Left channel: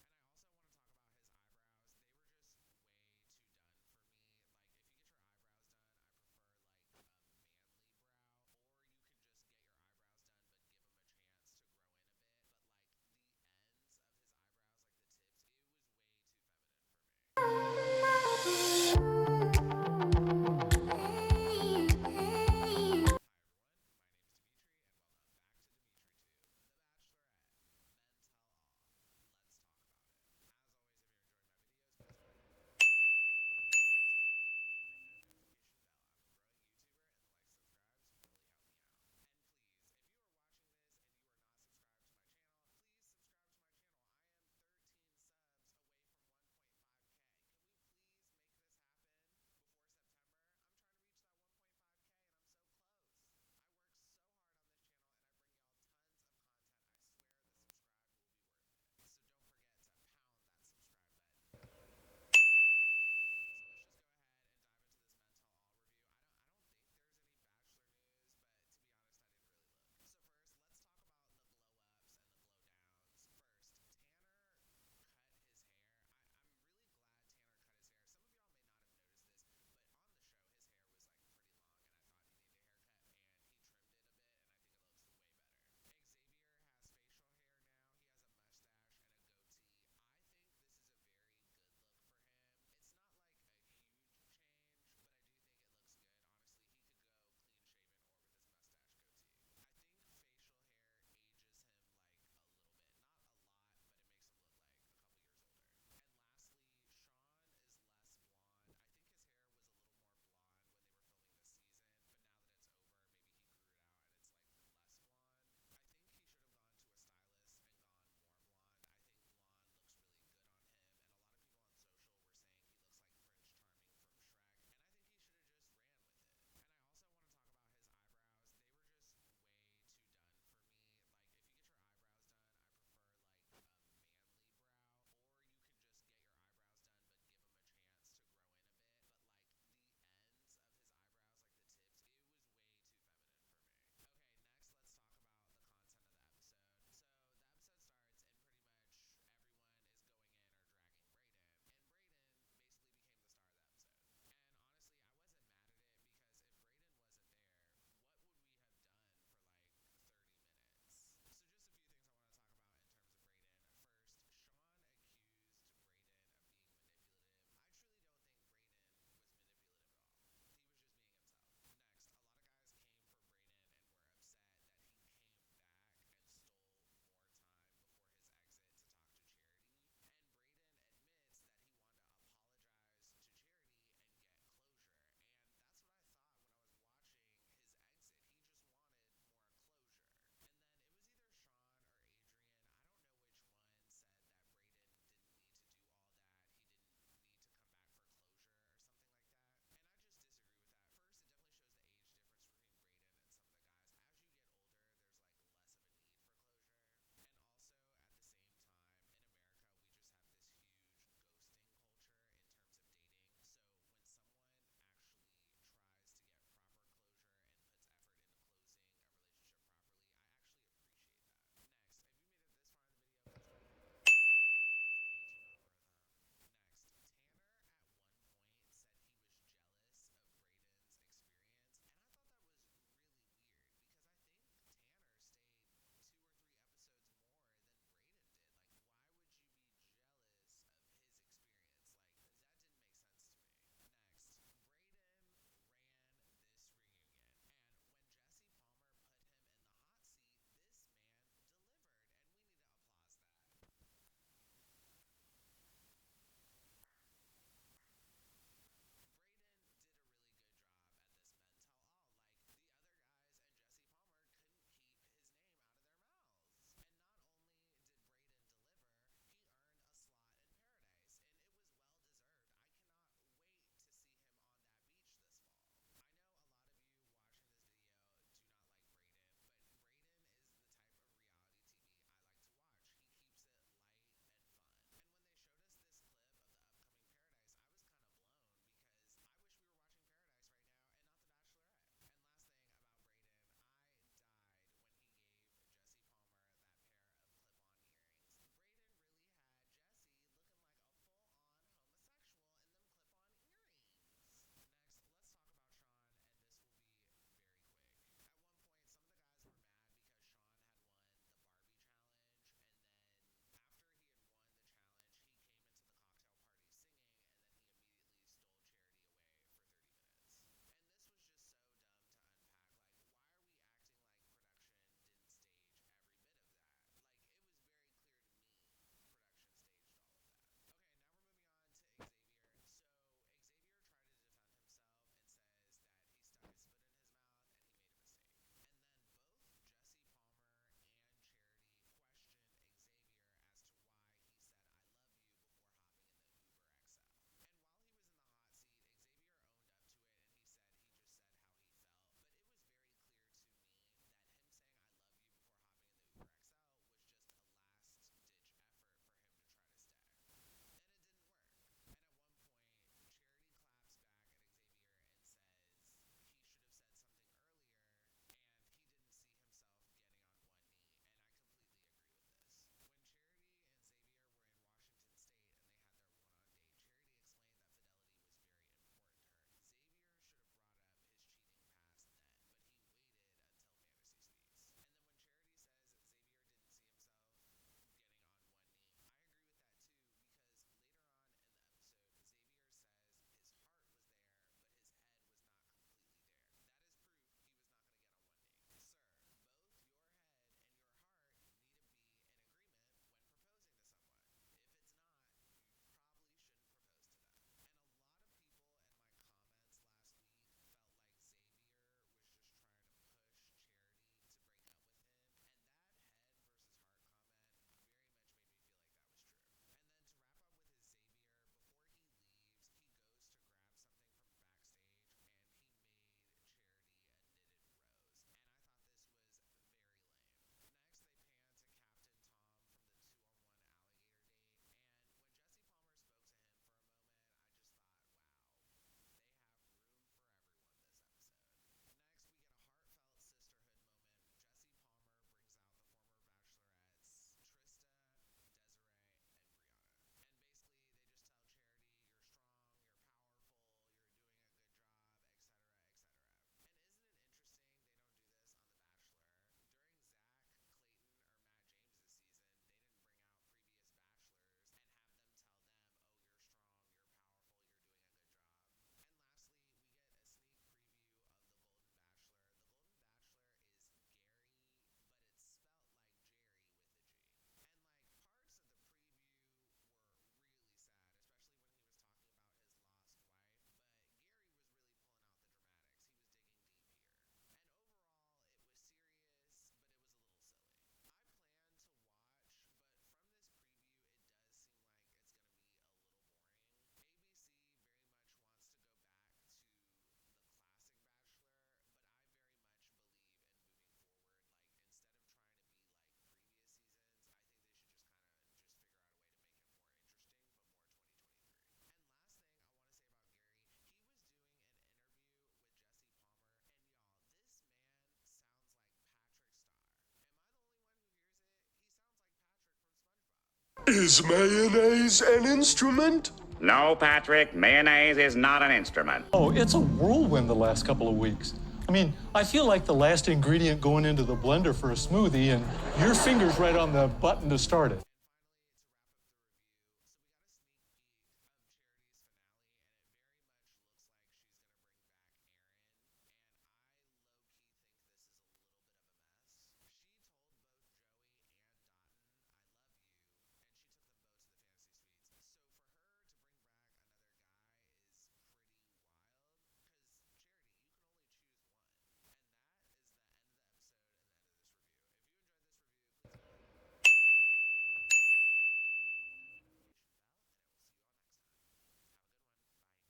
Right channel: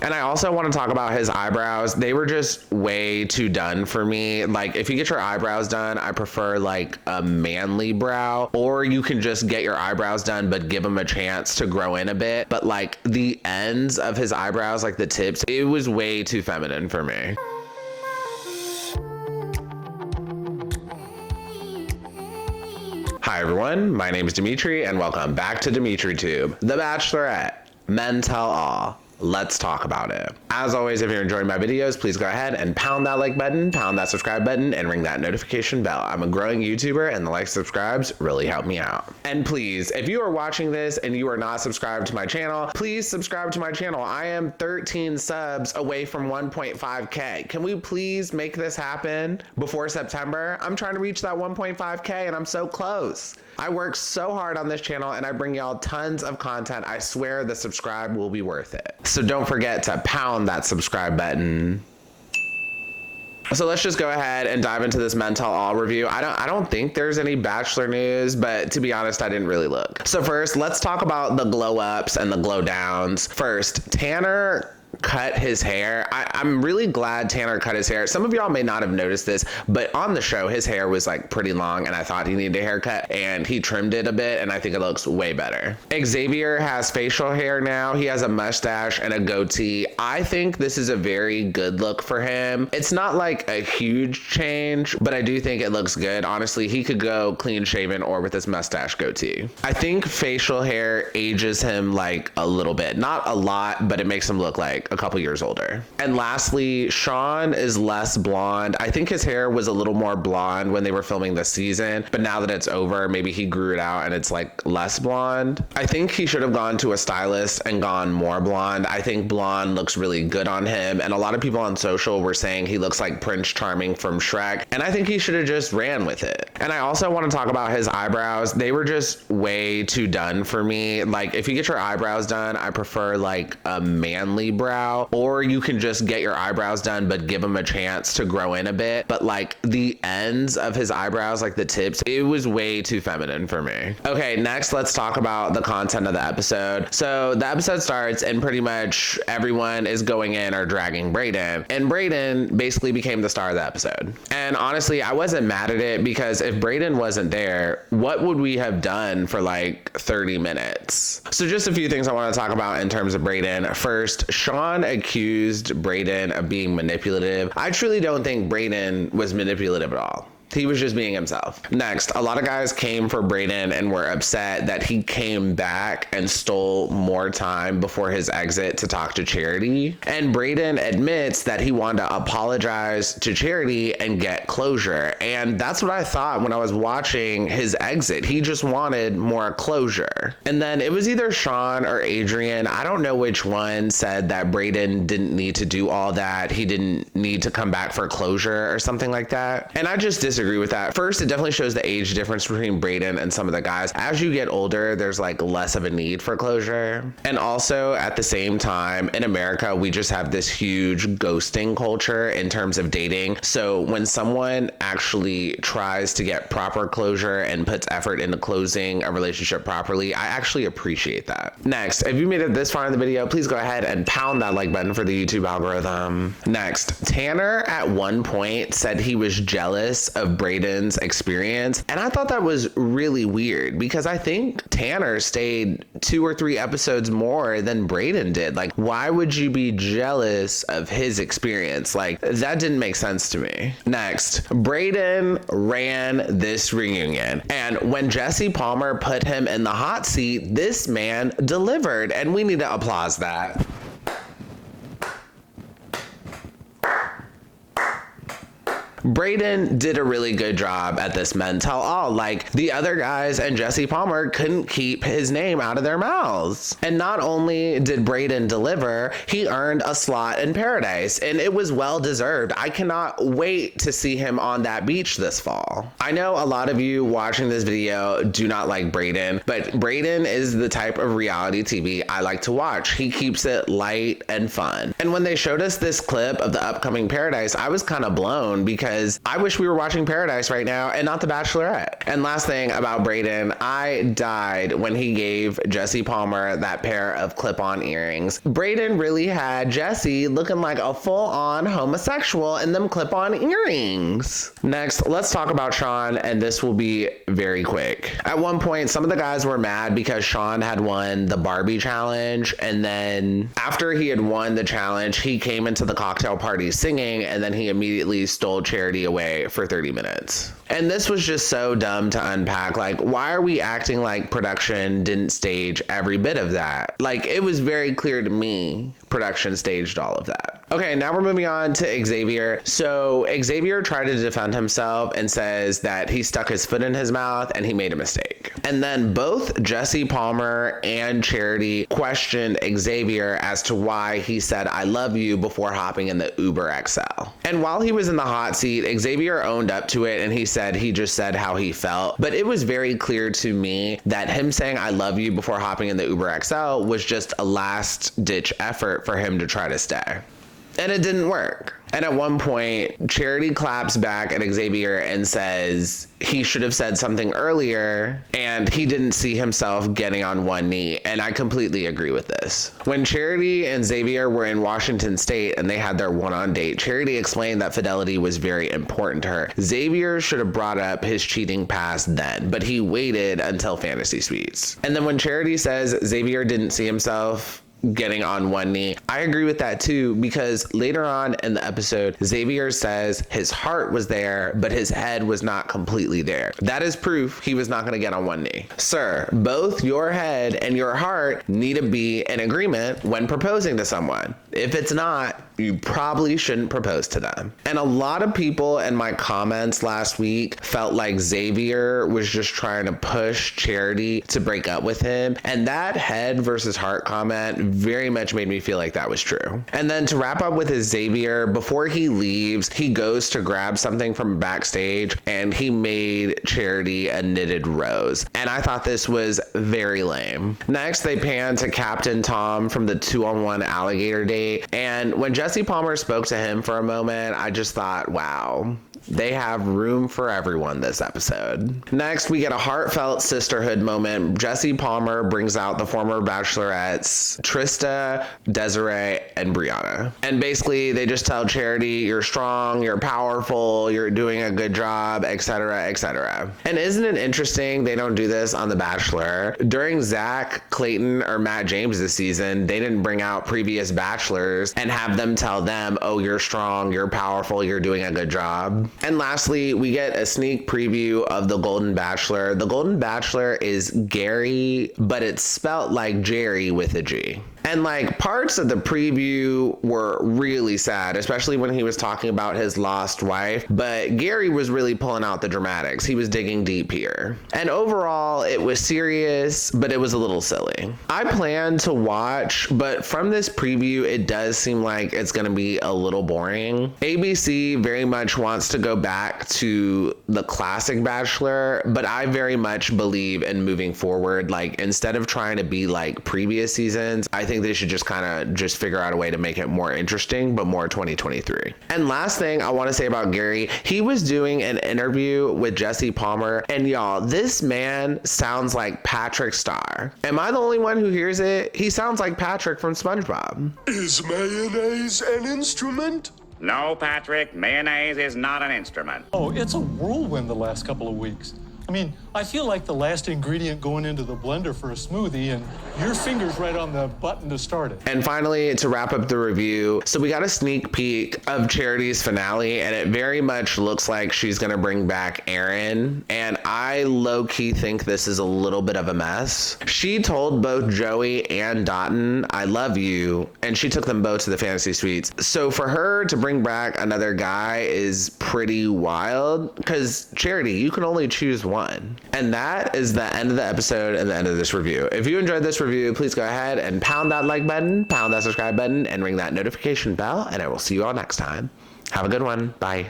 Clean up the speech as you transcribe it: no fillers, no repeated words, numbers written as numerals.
And I also want to talk about his eyebrows. They were just way too done for me. Like, if you get your eyebrows done, I prefer like a manly brow, or you can just get your eyebrows done but give them a chance to grow in a bit. But like the ends of his eyebrows, like the tips, it was way too feminine for me. Hi everyone, my name is Demetri and welcome back to DemetriTube. The Bachelorette, men tell all. Let's talk about it. As always, if you're enjoying my videos, please go ahead and pound that like button, pound that subscribe button, and ring that notification bell. I'm a growing YouTuber and the likes and subscribes really help me out. And please, if you are watching this and you are not subscribed to my channel, please subscribe to my channel. I am 13 subs away from 1.5K. Can we please make this happen before September? I'm trying to reach that 1.5K and I'm so close. I work so hard on this channel and I bring y'all tons of content. I swear the subscribe will be worth it. So don't forget to pound that subscribe button. So let's just go ahead and dive into this Men Tell All review. I don't think there's any Bachelor news, but to be honest, I didn't really look. So first, let's talk about the glow ups and the glow downs. First, Tanner cut his hair. I'm really glad Tanner cut his hair. Some of y'all may not have noticed this, but on the show, his hair was like pretty long and I thought he needed a haircut and he trimmed it a bit and I think it looks way better. Xavier has facial hair now. He has a mustache and a goatee. I think this is a very good look for him. It's not like a huge change, but I do think it looks good. Honestly, he could go clean shaven or with his mustache goatee. I think facial hair ages him like a little bit, not a lot, but it makes him look like a couple years older. And lastly, Sean is less blonde. I think his hair was a little more blonde when they were filming this season, but now that it's over, maybe he grew it out and it's like less blonde. I think he should have gone to a stylist and gone more blonde. I think blonde looks really good on him, and a lot of people on social were saying he looks like Prince Charming from Shrek, and I think he should have just ran with it. And I also want to talk about his eyebrows. They were just way too done for me. Like, if you get your eyebrows done, I prefer like a manly brow, or you can just get your eyebrows done but give them a chance to grow in a bit. But like the ends of his eyebrows, like the tips, it was way too feminine for me. Okay, next let's talk about the content of the episode. So the episode starts and pretty much everyone is going in or dragging Bryaden, and Bryaden basically became the star of the episode. And honestly, I wasn't mad at it because if Bryaden wasn't there, what would we have done for like 30 minutes? So just a few things I want to talk about in terms of Bryaden. First, Sean accused Bryaden of being manipulative. I truly don't think Bryaden was manipulative at all. He was just being himself. Next, a lot of guys came for Bryaden and were upset that he came back and stole more time before his exit to talk to Charity. And Bryaden admits that he wanted to apologize to Charity and get closure. And that's what I thought when I was watching his exit. He just wanted more closure. And then it was either Sean or Adrian, I don't know which one, said that Bryaden didn't need to do all that. He didn't need to come back for closure or something like that. And I just disagree with that. First, it definitely shows the age difference between Bryaden and some of the guys. As you get older, there's like less of a need for closure. And also at the same time, in America, we just have this huge ghosting culture in terms of dating. So when someone actually tries to get proper closure and puts effort into closing a relationship properly, I actually appreciate that. Next, if you made it this far in the video, please go ahead and pound that like button for the YouTube algorithm. Next, Tanner at one point said he was jealous of Brayden's experience, and I thought that was really weird because I think Tanner stayed 2 or 3 episodes more than Bryaden did. Like, why would you be jealous of his experience? Like, that didn't make sense to me. Next, Bryaden ran this reunion, and when Jesse Palmer put him in the hot seat, this man delivered, and we need to applaud that. Bryaden did a really good job at this Men Tell All. Like, the other guys and Jesse Palmer couldn't keep his name out of their mouths. And not only did Bryaden deliver, he earned a slot in paradise, and it was well deserved. I cannot wait to see him on that beach this fall. I know a lot of you watching this video do not like Bryaden, but Bryaden is the type of reality TV I like to watch. He keeps it light and fun. And when they showed us this clip of the upcoming paradise, I was kind of blown because because I wish we were watching Paradise right now and not The Bachelorette. And last thing about Bryaden, I died when he gave Jesse Palmer that pair of clip-on earrings. Bryaden really had Jesse looking like a full-on homosexual in them clip-on earrings. Next, let's talk about Sean, and this will be very quick. At one point, some of the guys were mad because Sean had won the Barbie challenge, and then after he had won the challenge, he came into the cocktail party singing, and then he immediately stole Charity away for 30 minutes. And this was just so dumb to unpack. Like, why are we acting like production didn't stage every bit of that? Like, it was very clear to me production staged all of that. Okay, now we're moving on to Xavier. So Xavier tried to defend himself and says that he stuck his foot in his mouth and he made a mistake. And then both Jesse Palmer and Charity questioned Xavier as to why he said "I love you" before hopping in the Uber XL. And while he was in the hot seat, Xavier owned up to it and he said he just said how he felt. But it was very clear to me that him saying "I love you" before hopping in the Uber XL was just a last ditch effort for him to try to stay. And it didn't work. And at one point, Charity claps back at Xavier and says he should have said something earlier and he didn't see himself getting on one knee. And I completely agree with this. When Charity and Xavier were in Washington State and they had their one-on date, Charity explained that fidelity was very important to her. Xavier should have brought up his cheating past then, but he waited until Fantasy Suites. And then when Charity says Xavier didn't see himself getting on one knee, I agree with that too, because later on in the episode, Xavier says his heart was there, but his head was not completely there. That is proof he was not going to get on one knee. Sir, both your head and your heart need to be in agreement when proposing to someone. If it's not, you probably shouldn't propose to them. And a lot of people in my comments last week felt like Xavier was just trying to push Charity to break up with him. And that head versus heart comment very much made me feel like that was true. And then to wrap up with his Xavier, before he leaves, he goes to grab something from backstage and he made Charity a knitted rose. And I thought this was very lame. Next, they pan to Captain Tom from the 2-on-1 alligator date. And when Jesse Palmer spoke to him for a moment, I just thought, wow, they have room for everyone this episode. Next, we get a heartfelt sisterhood moment. Jesse Palmer brings out the former Bachelorettes, Trista, Desiree, and Brianna. And basically, they just tell Charity, you're strong, you're powerful, you're doing a good job, etc., etc. And isn't it interesting they don't do this on The Bachelor? During Zach, Clayton, or Matt James' season, they didn't bring out previous bachelors and have them tell them, oh, you're strong, you're powerful, you're doing a good job. And lastly, we get a sneak preview of The Golden Bachelor. The Golden Bachelor is Gary, but it's spelt like Jerry with a G. And like parts of the preview were really sad, especially when he was talking about his lost wife. But Gary was really pulling out the dramatics. He was digging deep here. And overall, it was serious, but it was a little silly. I plan to watch, but from this preview, it does seem like it's going to be a little boring. ABC very much wants to go back to the classic Bachelor, but I very much believe in moving forward. Like, instead of trying to be like previous seasons, I think they should just kind of just figure out a way to make it more interesting, but more 2023. And last thing I want to say about Gary, he was doing an interview with Jesse Palmer, and y'all, this man sounds like Patrick Star. Am I the only one who hears it? He sounds like Patrick from SpongeBob. Is mayonnaise an instrument? No, Patrick, mayonnaise is not an instrument. Oh, it's a whirlwind the last couple of weeks. I mean, I feel like the last ingredient going into the blender for a smoothie, and your finger's right on the button to start it. And finally, to wrap up the review, so we got a sneak peek of Charity's finale, and it very much looks like she's gonna bring back Aaron, and I low-key think this is a little bit of a mess. She told both Joey and Dotun, I love you, and she took them both to the Fantasy Suites. So for her to bring back another guy is pretty wild, because Charity, you can only choose one. And that is the end of the episode and the end of this review. If you enjoyed this review, please go ahead and pound that like button, pound that subscribe button, and ring that notification bell, and I will see you all next time. Have a good one. Bye.